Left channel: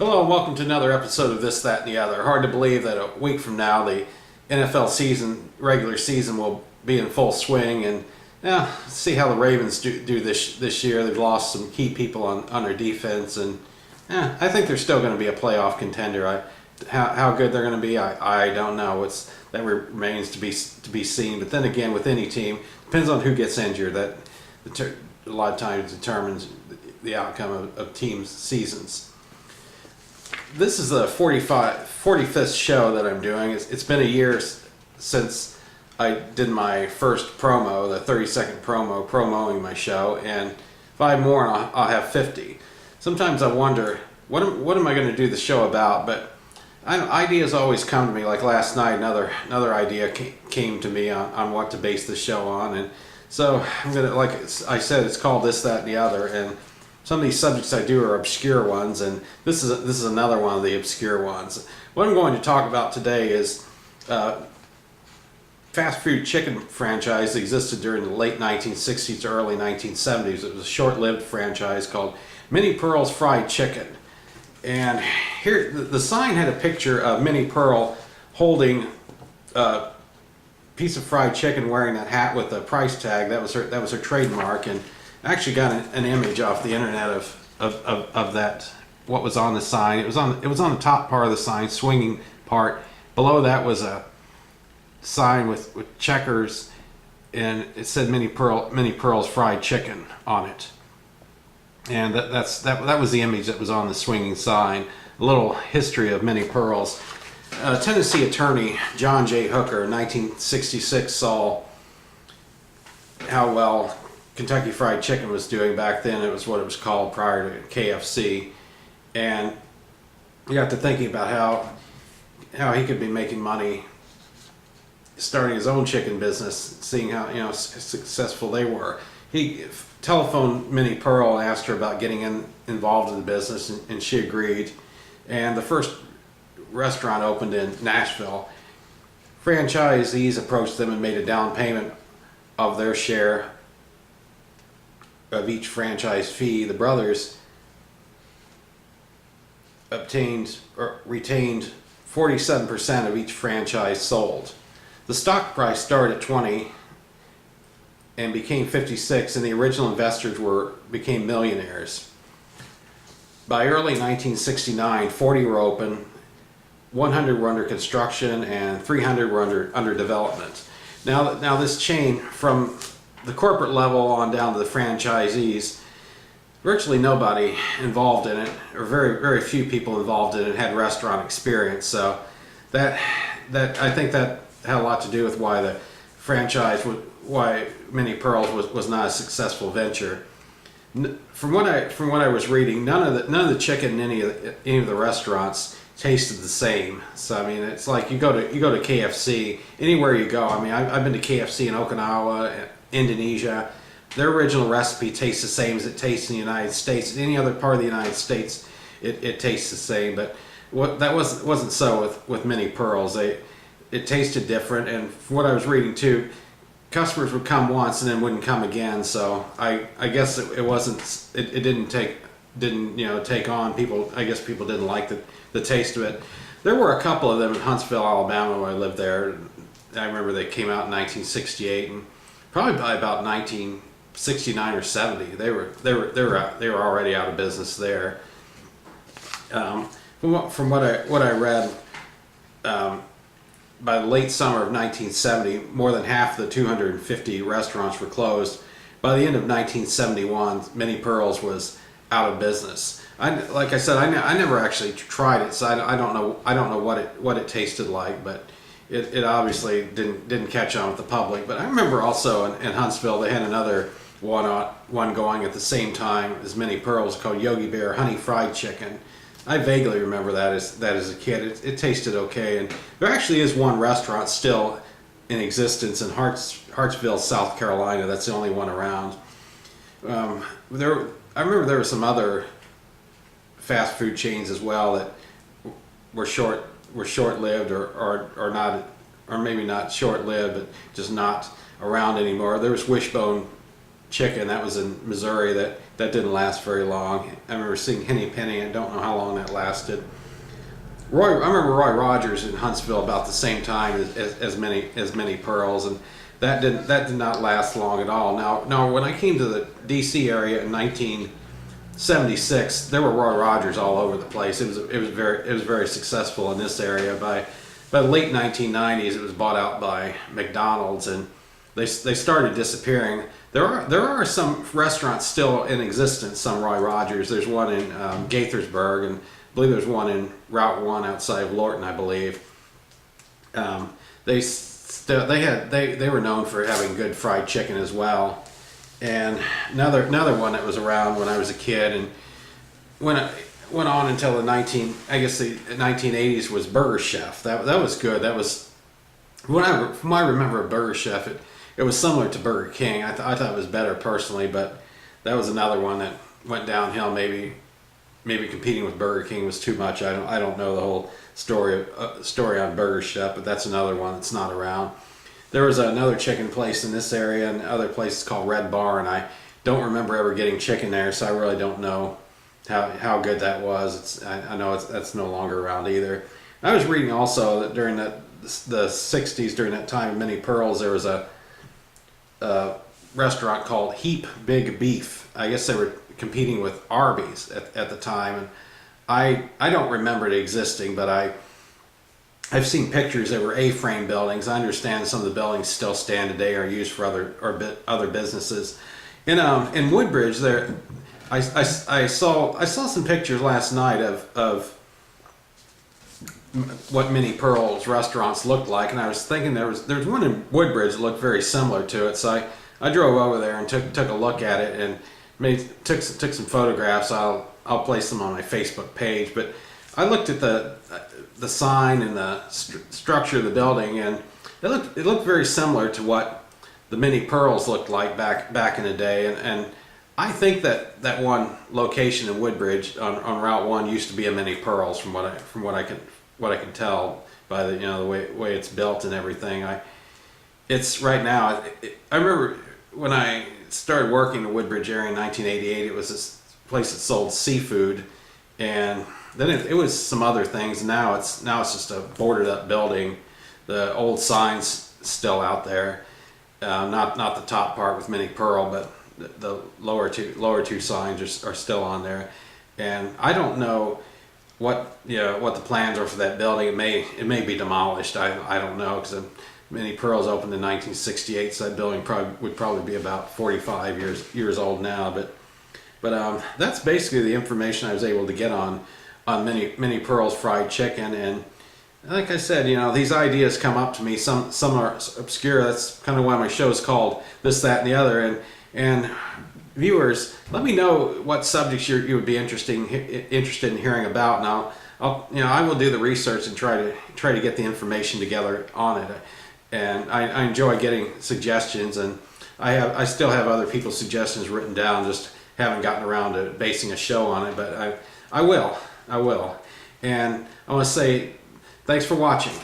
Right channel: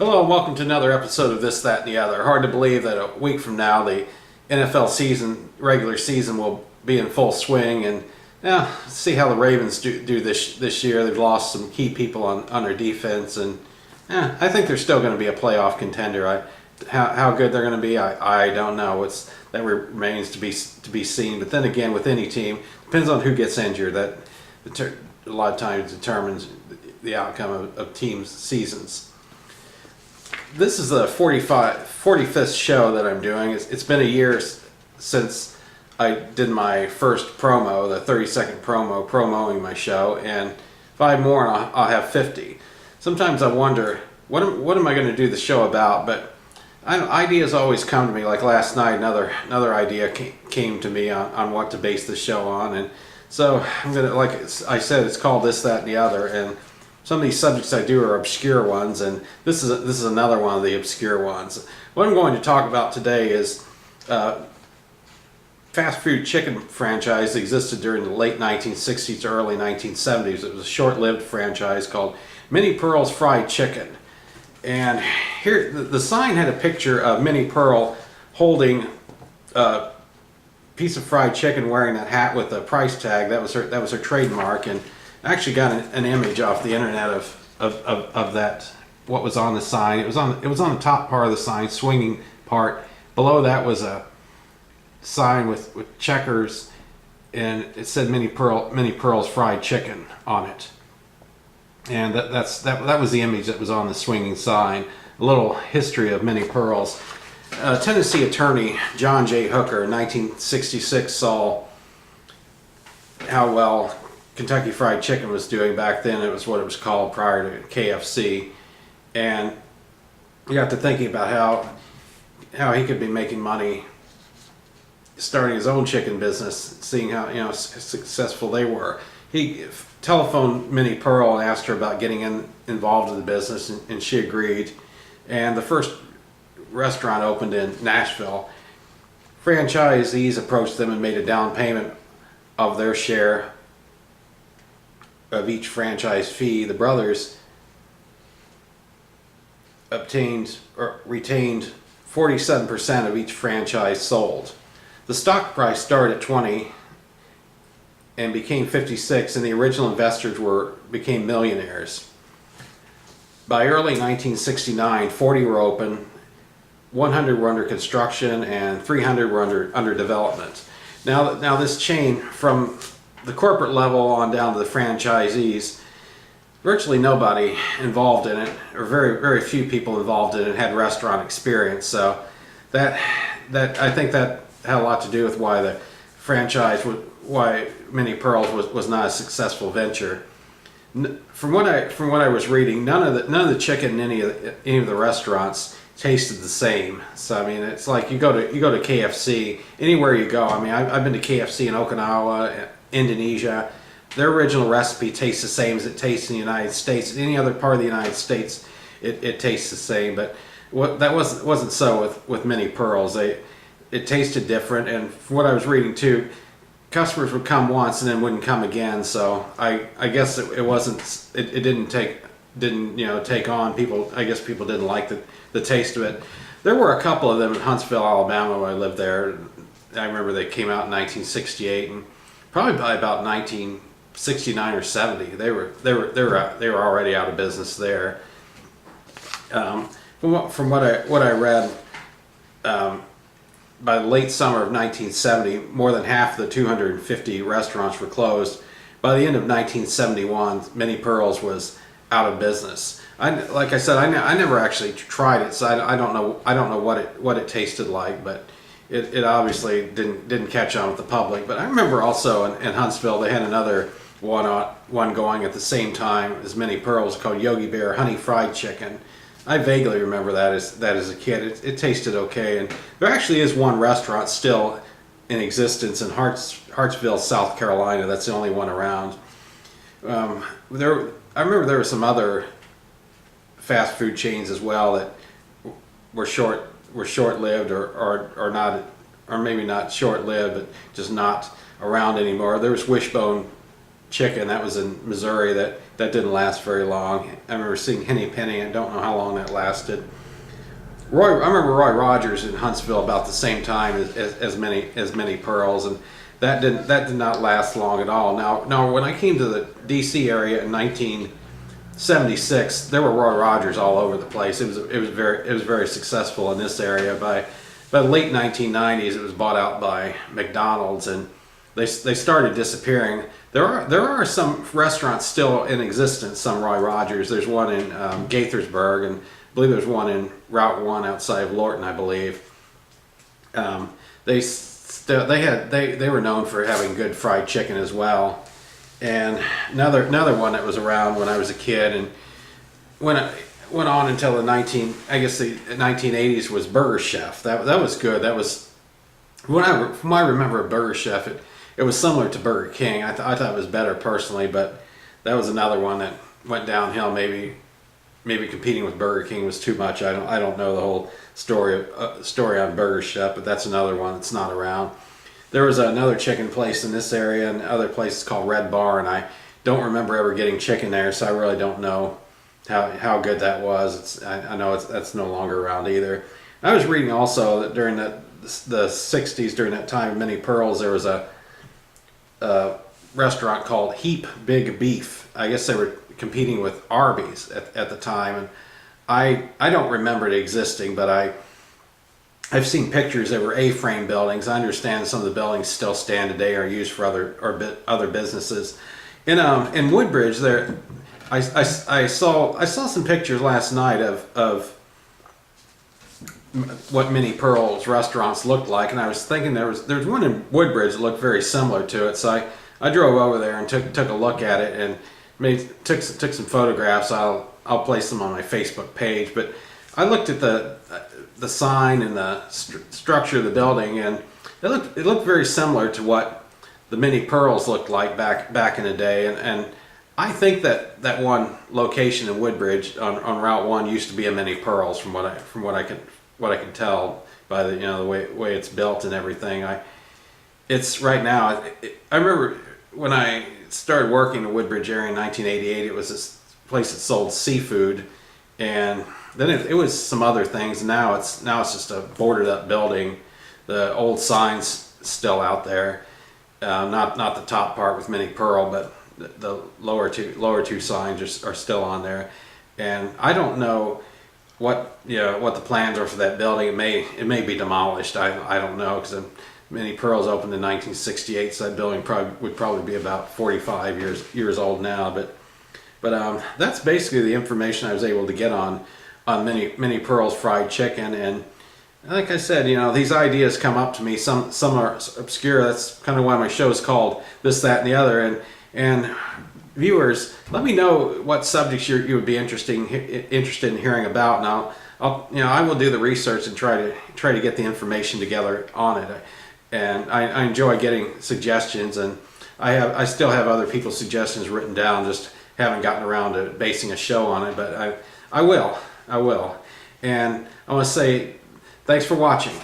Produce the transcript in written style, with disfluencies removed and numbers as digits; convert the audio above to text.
Hello and welcome to another episode of This, That, and the Other. Hard to believe that a week from now the NFL regular season will be in full swing, and see how the Ravens do this year. They've lost some key people on their defense, and I think they're still going to be a playoff contender. How good they're going to be, I don't know. That remains to be seen. But then again, with any team, depends on who gets injured. That a lot of times determines the outcome of teams' seasons. This is the 45th show that I'm doing. It's been a year since I did my first promo, the 30-second promoing my show, and 5 more and I'll have 50. Sometimes I wonder, what am I going to do the show about? But ideas always come to me. Like last night, another idea came to me on what to base the show on, and so I'm gonna, like I said, it's called This, That, and the Other, and some of these subjects I do are obscure ones, and this is another one of the obscure ones. What I'm going to talk about today is fast food chicken franchise that existed during the late 1960s to early 1970s. It was a short-lived franchise called Minnie Pearl's Fried Chicken. And here, the sign had a picture of Minnie Pearl holding a piece of fried chicken, wearing that hat with the price tag. That was her trademark, and I actually got an image off the internet of that, what was on the sign. It was on the top part of the sign, swinging part. Below that was a sign with checkers, and it said Minnie Pearl's Fried Chicken on it. And that was the image that was on the swinging sign. A little history of Minnie Pearl's. Tennessee attorney John J. Hooker in 1966 saw how well Kentucky Fried Chicken was doing back then. It was what it was called prior to KFC, and he got to thinking about how he could be making money starting his own chicken business, seeing how successful they were. He telephoned Minnie Pearl and asked her about getting involved in the business, and she agreed. And the first restaurant opened in Nashville. Franchisees approached them and made a down payment of their share of each franchise fee. The brothers retained 47% of each franchise sold. The stock price started at 20 and became 56, and the original investors became millionaires. By early 1969, 40 were open, 100 were under construction, and 300 were under development. Now this chain, from the corporate level on down to the franchisees, virtually nobody involved in it, or very few people involved in it, had restaurant experience. So that I think that had a lot to do with why the franchise, why Minnie Pearl's was not a successful venture. From what I was reading, none of the chicken in any of the restaurants tasted the same. So I mean, it's like you go to KFC, anywhere you go. I mean, I've been to KFC in Okinawa, Indonesia. Their original recipe tastes the same as it tastes in the United States. In any other part of the United States, it tastes the same. But that wasn't so with Minnie Pearl's. It tasted different, and from what I was reading too, customers would come once and then wouldn't come again. So I guess it didn't take on people. I guess people didn't like the taste of it. There were a couple of them in Huntsville, Alabama, when I lived there. I remember they came out in 1968, and probably by about 1969 or 70, they were already out of business there. From what I read, by the late summer of 1970, more than half of the 250 restaurants were closed. By the end of 1971, Minnie Pearl's was out of business. Like I said, I never actually tried it, so I don't know what it tasted like, but it obviously didn't catch on with the public. But I remember also in Huntsville they had another one going at the same time as Minnie Pearl's, called Yogi Bear Honey Fried Chicken. I vaguely remember that as a kid. It tasted okay, and there actually is one restaurant still in existence in Hartsville, South Carolina. That's the only one around. I remember there were some other fast food chains as well that were short-lived or not, or maybe not short-lived, but just not around anymore. There was Wishbone chicken. That was in Missouri. That didn't last very long. I remember seeing Henny Penny. I don't know how long that lasted. I remember Roy Rogers in Huntsville about the same time as Minnie Pearls, and that did not last long at all. Now when I came to the D.C. area in 1976, there were Roy Rogers all over the place. It was very successful in this area. By the late 1990s, it was bought out by McDonald's, and they started disappearing. There are some restaurants still in existence. Some Roy Rogers. There's one in Gaithersburg, and I believe there's one in Route 1 outside of Lorton, I believe. They were known for having good fried chicken as well. And another one that was around when I was a kid, and went on until the 1980s was Burger Chef. That was good. That was from I remember of Burger Chef. It was similar to Burger King. I thought it was better personally, but that was another one that went downhill. Maybe competing with Burger King was too much. I don't know the whole story on Burger Chef, but that's another one that's not around. There was another chicken place in this area and other places called Red Bar, and I don't remember ever getting chicken there, so I really don't know how good that was. I know that's no longer around either. I was reading also that during the 60s, during that time of Minnie Pearl's, there was a restaurant called Heap Big Beef. I guess they were competing with Arby's at the time, and I don't remember it existing, but I've seen pictures that were A-frame buildings. I understand some of the buildings still stand today, or used for other businesses. In Woodbridge, there I saw some pictures last night of what Minnie Pearl's restaurants looked like, and I was thinking there was one in Woodbridge that looked very similar to it. So I drove over there and took a look at it and took some photographs. I'll place them on my Facebook page. But I looked at the sign and the structure of the building, and it looked very similar to what the Minnie Pearls looked like back in the day. And I think that one location in Woodbridge on Route 1 used to be a Minnie Pearls, from what I can tell by the way it's built and everything. It's right now. I remember when I started working in the Woodbridge area in 1988. It was this place that sold seafood, and then it was some other things. Now it's just a boarded up building. The old signs still out there. Not the top part with Minnie Pearl, but the lower two signs are still on there. And I don't know what the plans are for that building. It may be demolished. I don't know, because Minnie Pearl's opened in 1968, so that building would probably be about 45 years old now. But that's basically the information I was able to get on Minnie Pearl's fried chicken. And like I said, these ideas come up to me. Some are obscure. That's kind of why my show is called This, That, and the Other. And viewers, let me know what subjects you would be interested in hearing about. Now, I will do the research and try to get the information together on it. And I enjoy getting suggestions, and I still have other people's suggestions written down. Just haven't gotten around to basing a show on it, but I will. And I want to say thanks for watching.